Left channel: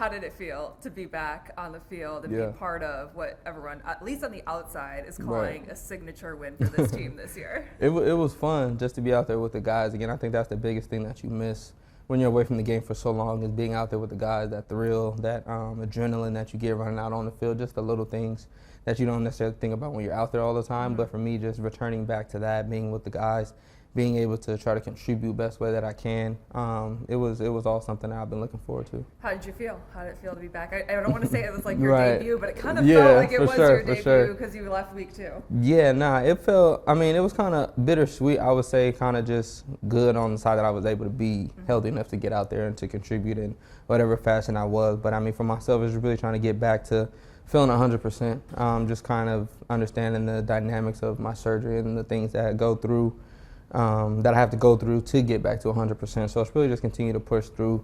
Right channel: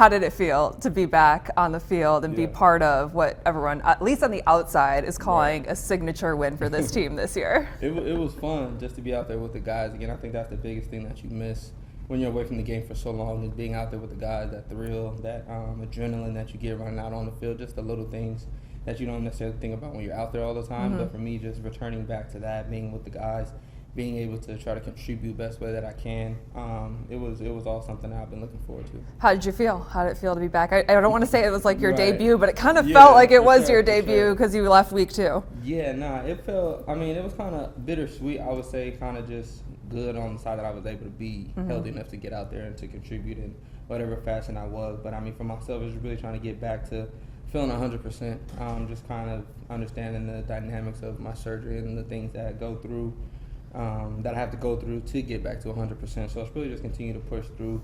How did it feel to be back on the field and be part of what everyone, at least on the outside, is calling a signature win for this team this year? It was fun just to be out there with the guys again. I think that's the biggest thing that you miss when you're away from the game for so long, is being out there with the guys, that thrill, that adrenaline that you get running out on the field, just the little things that you don't necessarily think about when you're out there all the time. But for me, just returning back to that, being with the guys, being able to try to contribute best way that I can, it was all something that I've been looking forward to. How did you feel? How did it feel to be back? I don't want to say it was like your debut, but it kind of felt like it was your debut because you left week 2. Yeah, it felt, it was kind of bittersweet, I would say, kind of just good on the side that I was able to be healthy enough to get out there and to contribute in whatever fashion I was. But for myself, it was really trying to get back to feeling 100%, just kind of understanding the dynamics of my surgery and the things that I go through, that I have to go through to get back to 100%. So it's really just continue to push through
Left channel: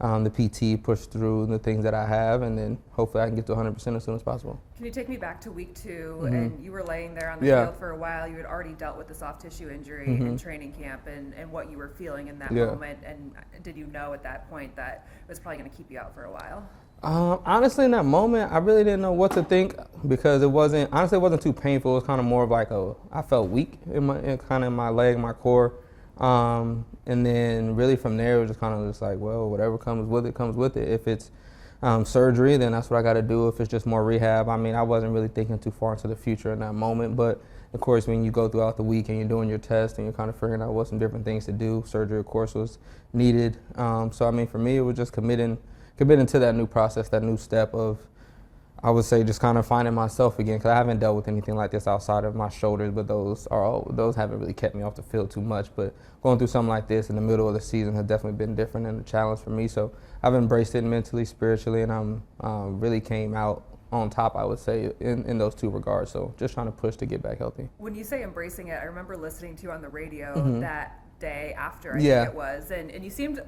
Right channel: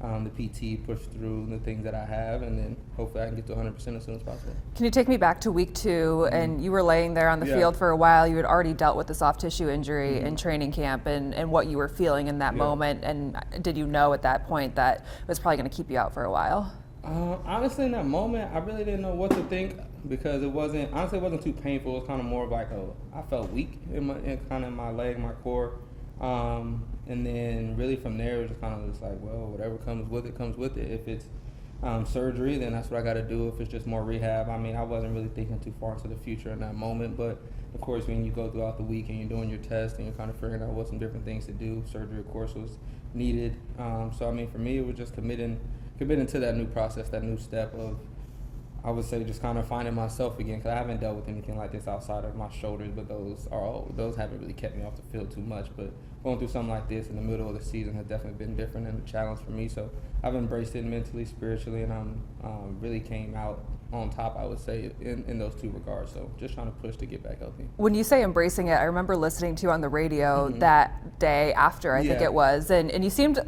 the PT, push through the things that I have, and then hopefully I can get to 100% as soon as possible. Can you take me back to week 2, and you were laying there on the field for a while. You had already dealt with the soft tissue injury in training camp, and what you were feeling in that moment, and did you know at that point that it was probably going to keep you out for a while? Honestly, in that moment, I really didn't know what to think, because it wasn't too painful. It was kind of more of like I felt weak in my leg, my core. And then really from there, it was just kind of just like, well, whatever comes with it, comes with it. If it's surgery, then that's what I got to do. If it's just more rehab, I wasn't really thinking too far into the future in that moment. But of course, when you go throughout the week and you're doing your test and you're kind of figuring out what some different things to do, surgery, of course, was needed. So for me, it was just committing to that new process, that new step of, I would say, just kind of finding myself again, because I haven't dealt with anything like this outside of my shoulders, but those haven't really kept me off the field too much. But going through something like this in the middle of the season has definitely been different and a challenge for me. So I've embraced it mentally, spiritually, and I'm really came out on top, I would say, in those two regards. So just trying to push to get back healthy. When you say embracing it, I remember listening to you on the radio that day after, I think it was, and you seemed,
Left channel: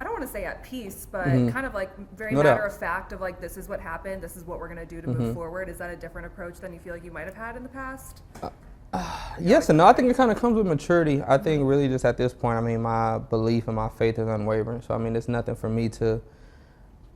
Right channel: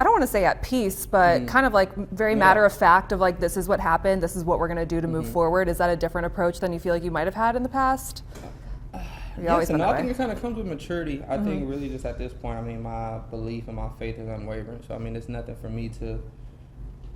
I don't want to say at peace, but kind of like very matter of fact of like, this is what happened, this is what we're going to do to move forward. Is that a different approach than you feel like you might have had in the past? Yes and no. I think it kind of comes with maturity. I think really just at this point, my belief and my faith is unwavering. So it's nothing for me to,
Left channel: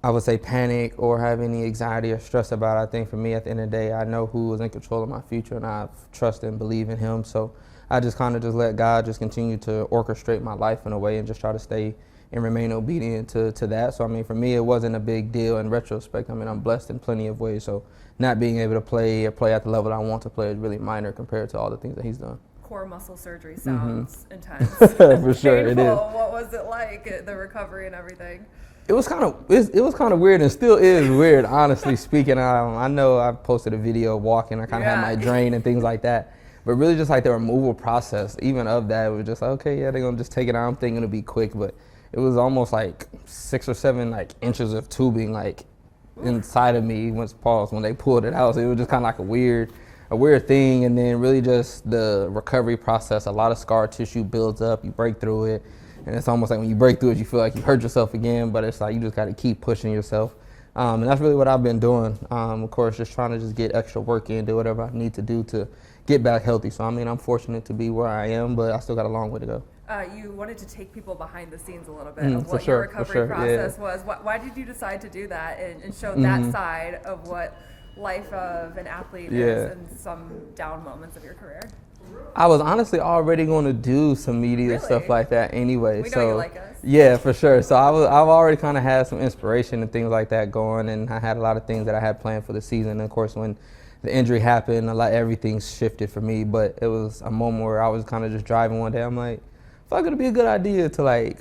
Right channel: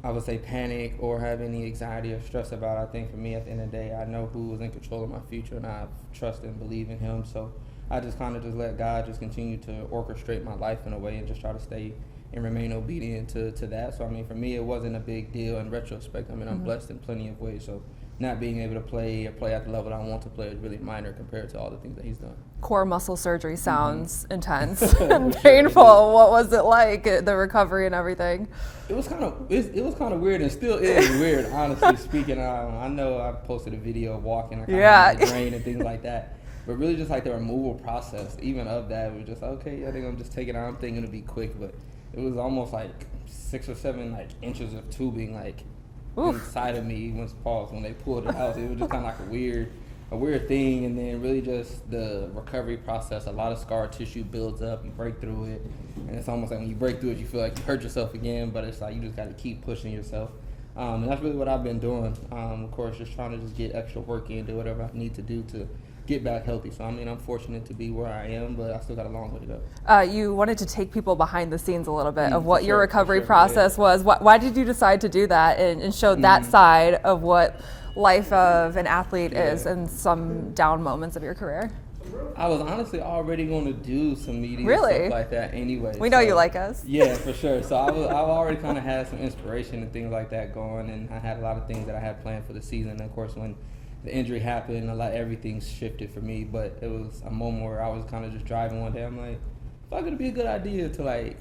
I would say, panic or have any anxiety or stress about it. I think for me, at the end of the day, I know who is in control of my future, and I trust and believe in him. So I just kind of just let God just continue to orchestrate my life in a way and just try to stay and remain obedient to that. So for me, it wasn't a big deal in retrospect. I'm blessed in plenty of ways. So not being able to play at the level I want to play is really minor compared to all the things that he's done. Core muscle surgery sounds intense, For sure, painful. What was it like, the recovery and everything? It was kind of weird, and still is weird, honestly speaking. I know I posted a video of walking, I kind of had my drain and things like that. But really just like the removal process, even of that, it was just like, okay, they're going to just take it out. I'm thinking it'll be quick, but it was almost like 6 or 7 inches of tubing inside of me when they pulled it out. So it was just kind of like a weird thing. And then really just the recovery process, a lot of scar tissue builds up, you break through it. And it's almost like when you break through it, you feel like you hurt yourself again, but it's like you just got to keep pushing yourself. And that's really what I've been doing. Of course, just trying to just get extra work in, do whatever I need to do to get back healthy. So I'm fortunate to be where I am, but I still got a long way to go. You wanted to take people behind the scenes a little bit of what your recovery process was. Why did you decide to do that and show that side of what life of an athlete is in some down moments of your career? I was honestly already going to do some media stuff like that anyway. We know you like us. Yeah, for sure. So I've already kind of had some inspiration and things like that going, and I had a lot of things that I had planned for the season. And of course, when the injury happened, everything shifted for me. But it was a moment where I was kind of just driving one day. I'm like, I feel like it'd be a good idea to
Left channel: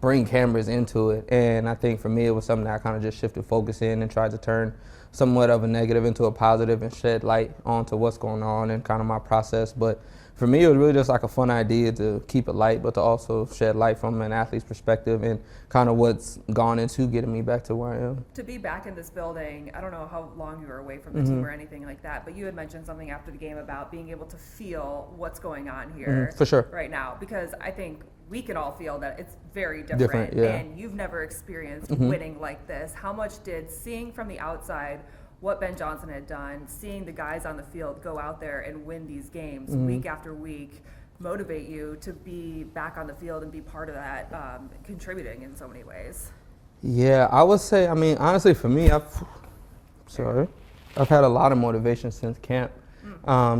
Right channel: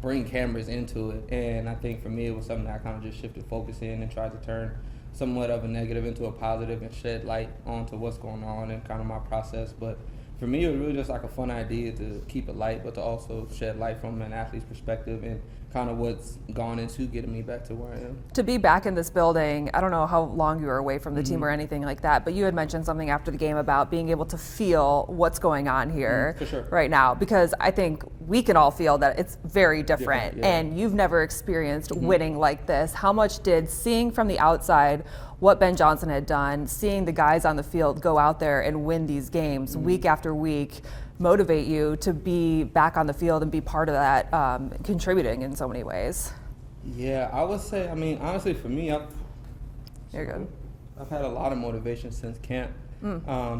bring cameras into it. And I think for me, it was something that I kind of just shifted focus in and tried to turn somewhat of a negative into a positive and shed light onto what's going on and kind of my process. But for me, it was really just like a fun idea to keep it light, but to also shed light from an athlete's perspective and kind of what's gone into getting me back to where I am. To be back in this building, I don't know how long you were away from the team or anything like that, but you had mentioned something after the game about being able to feel what's going on here for sure. Right now, because I think we can all feel that it's very different and you've never experienced winning like this. How much did seeing from the outside what Ben Johnson had done, seeing the guys on the field go out there and win these games week after week, motivate you to be back on the field and be part of that, contributing in so many ways? Yeah, I would say, I mean, honestly, for me, I've had a lot of motivation since camp.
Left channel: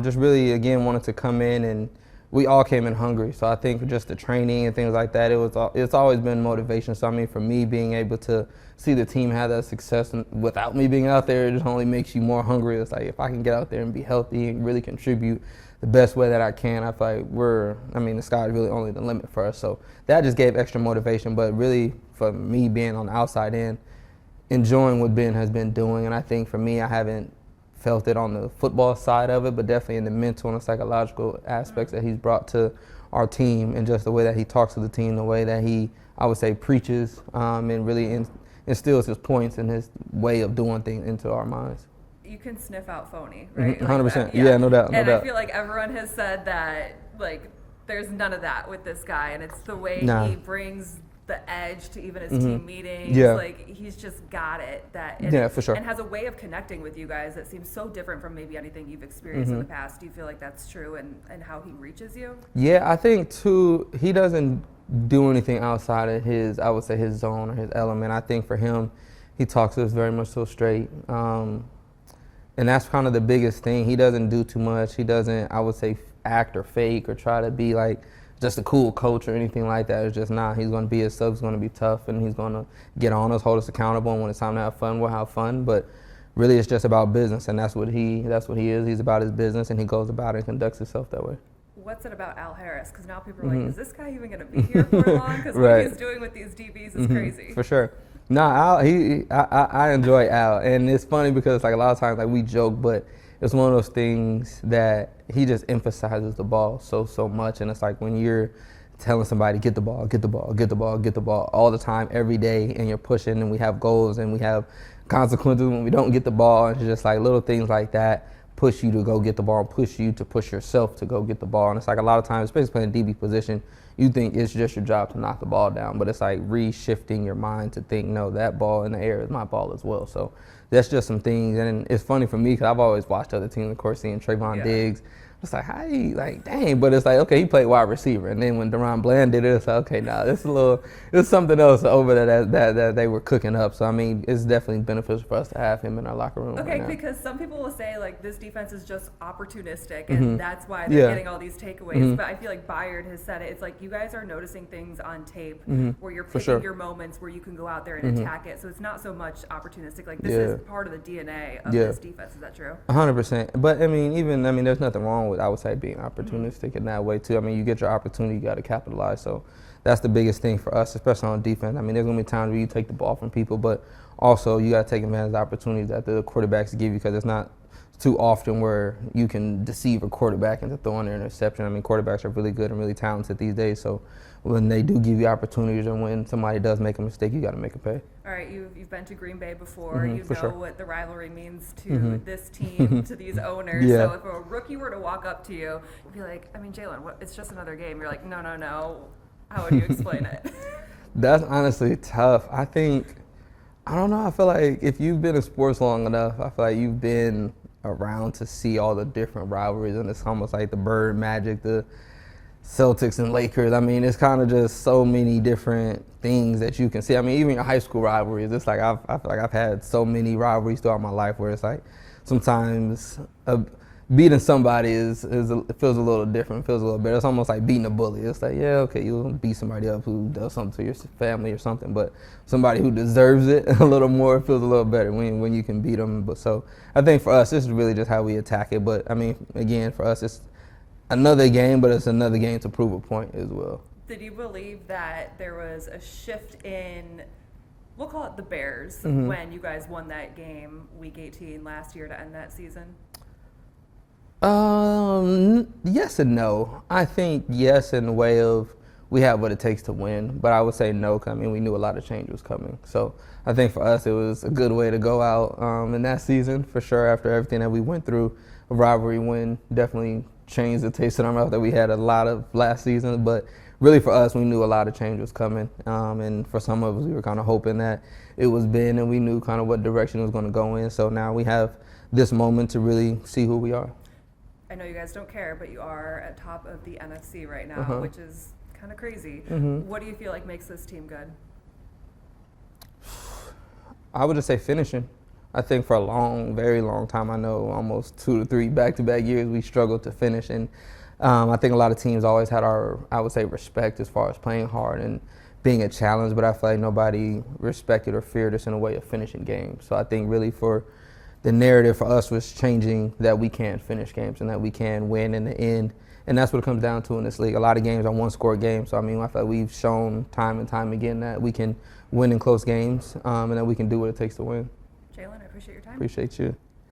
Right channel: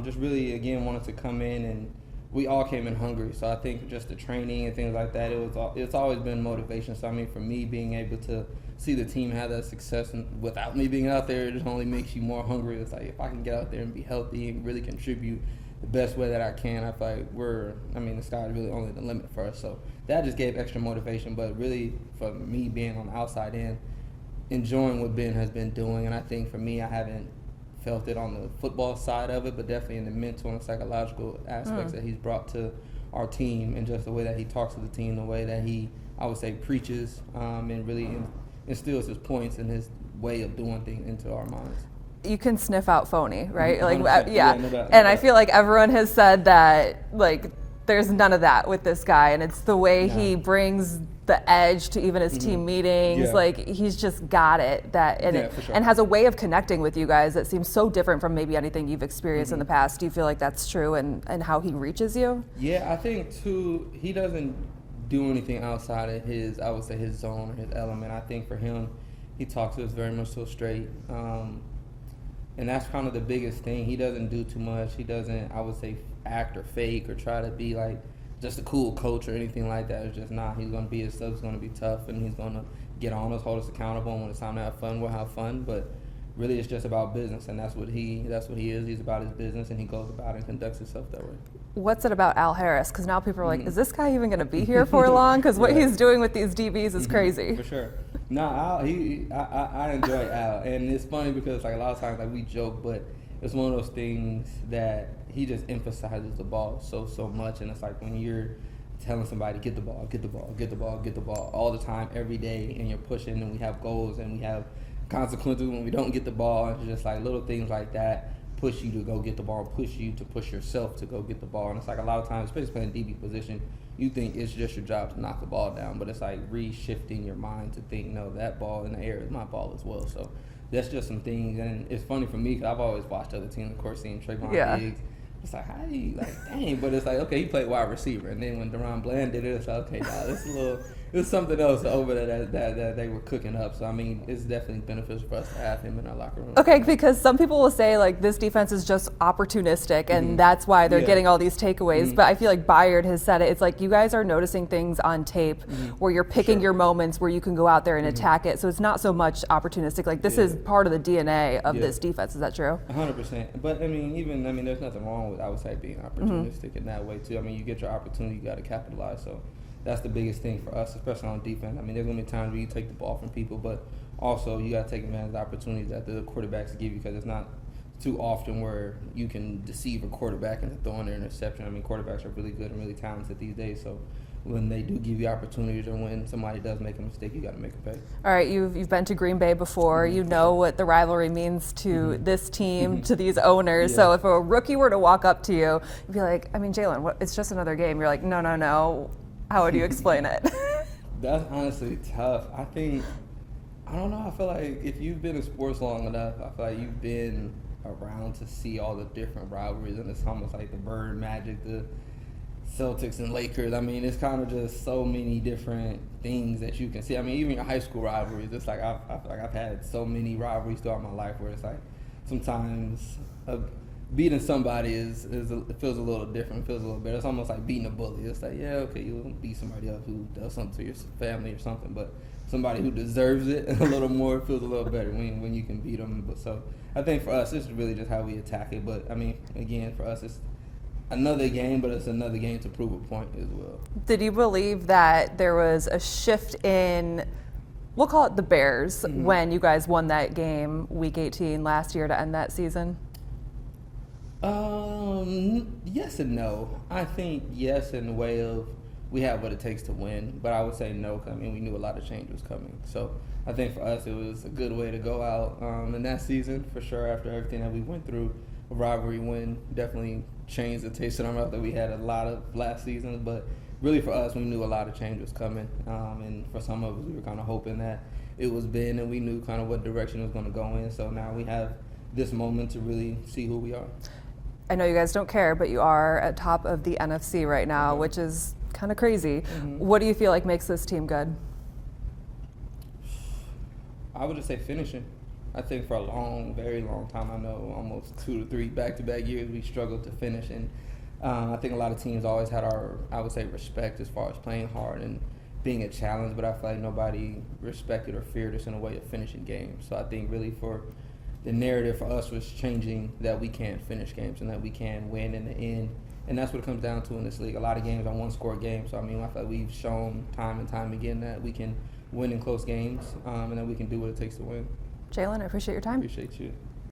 Just really, again, wanted to come in, and we all came in hungry. So I think just the training and things like that, it's always been motivation. So I mean, for me, being able to see the team have that success without me being out there, it just only makes you more hungry. It's like, if I can get out there and be healthy and really contribute the best way that I can, I feel like the sky is really only the limit for us. So that just gave extra motivation. But really, for me being on the outside in, enjoying what Ben has been doing, and I think for me, I haven't felt it on the football side of it, but definitely in the mental and psychological aspects that he's brought to our team, and just the way that he talks to the team, the way that he, I would say, preaches and really instills his points and his way of doing things into our minds. You can sniff out phony, right? 100%. Yeah, no doubt. I feel like everyone has said that, like, there's none of that with this guy, and it's the way he brings the edge to even his team meetings. Yeah. Like, he's just got it. For sure. And has a way of connecting with you guys that seems so different from maybe anything you've experienced in the past. Do you feel like that's true, and how he reaches you? Yeah, I think too, he doesn't do anything outside of his, I would say, his zone or his element. I think for him, he talks to us very much so straight. And that's kind of the biggest thing. He doesn't do too much. He doesn't, I would say, act or fake or try to be like just a cool coach or anything like that. It's just not. He's going to be his sub. He's going to be tough, and he's going to get on us, hold us accountable. And when it's time to have fun, we'll have fun. But really, it's just about business, and that's what he is. He's about his business, and he goes about it and conducts himself that way. What's it about Al Harris? Because now people are like, is this guy even going to be here for long? Because what he's doing with these DBs is crazy. For sure. No, Al, I enjoy Al, and it's funny because like a lot of times like we joke, but it's one of those things that he just emphasizes the ball so much, and it's like when you're telling somebody get the ball all the time, every day, and you're pushing, and we have goals and we have consequences when we don't get the ball, and it's just like little things like that push you to go get the ball, push you to push yourself to go get the ball. And it's like a lot of times, especially playing DB position, you think it's just your job to knock the ball down, but it's like re-shifting your mind to think, no, that ball in the air is my ball as well. So that's just some things. And it's funny for me because I've always watched other teams, of course, seeing Trayvon Diggs. It's like, hey, like, dang. But it's like, okay, he played wide receiver. And then when Deron Bland did it, it's like, okay, nah, it's something else over there that they were cooking up. So, I mean, it's definitely beneficial for us to have him in our locker room. Okay, because some people will say, like, this defense is just opportunistic, and that's why they're getting all these takeaways. But I feel like Byard has said it. It's like you guys are noticing things on tape where you're picking your moments where you can go out there and attack it. So it's not so much opportunistic. Like, this is part of the DNA of this defense. Is that true? 100%. But, I mean, there's nothing wrong with, I would say, being opportunistic in that way too. I mean, you get your opportunity, you got to capitalize. So that's the biggest thing for us, especially on defense. I mean, there's gonna be times where you take the ball from people, but also you got to take advantage of the opportunities that the quarterbacks give you, because it's not too often where you can deceive a quarterback into throwing an interception. I mean, quarterbacks are really good and really talented these days. So when they do give you opportunities, and when somebody does make a mistake, you got to make a pay. All right, you've been to Green Bay before. You know what the rivalry means to this team, to these owners. So if a rookie were to walk up to you, you'd be like, I mean, Jaylon, it's just another game. You're like, no. How would you explain it? That's honestly tough. I don't know. I feel like if you've been in sports long enough, I feel like you've been around to see all the different rivalries, and it's almost like the Bird Magic, the Celtics and Lakers. I mean, it's kind of just so many different things that you can see. I mean, even your high school rivalries, it's like I feel like I've had so many rivalries throughout my life where it's like sometimes beating somebody it feels a little different, feels a little better. It's almost like beating a bully. It's like, yeah, okay, you'll beat somebody up who does something to your family or something, but somebody who deserves it a little more, feels a little better when you can beat them. But so I think for us, this is really just how we attack it. But I mean, again, for us, it's another game, but it's another game to prove a point as well. Did you believe that there was a shift in, we'll call it the Bears, when you guys won that game week 18 last year to end that season? Yes and no. I think yes in the way of we have what it takes to win, but I would say no, because I mean, we knew a lot of change was coming. So I think for us, it was a good way to go out in that season, for sure, after everything that we went through. A rivalry win definitely changed the taste in our mouth that we had a lot of last season, but really for us, we knew a lot of change was coming, and for some of us, we were kind of hoping that it was Ben, and we knew kind of what direction it was going to go in. So now we have this moment to really see who we are. I know you guys don't care, but you are at top of the NFC right now, which is kind of crazy. What do you feel like makes this team good? I would just say finishing. I think for a long, very long time, I know almost 2 to 3 back-to-back years, we struggled to finish. And I think a lot of teams always had our, I would say, respect as far as playing hard and being a challenge, but I feel like nobody respected or feared us in a way of finishing games. So I think really for the narrative for us was changing that we can finish games and that we can win in the end. And that's what it comes down to in this league. A lot of games are one-score games. So, I mean, I feel like we've shown time and time again that we can win in close games and that we can do what it takes to win. Jaylon, I appreciate your time. Appreciate you.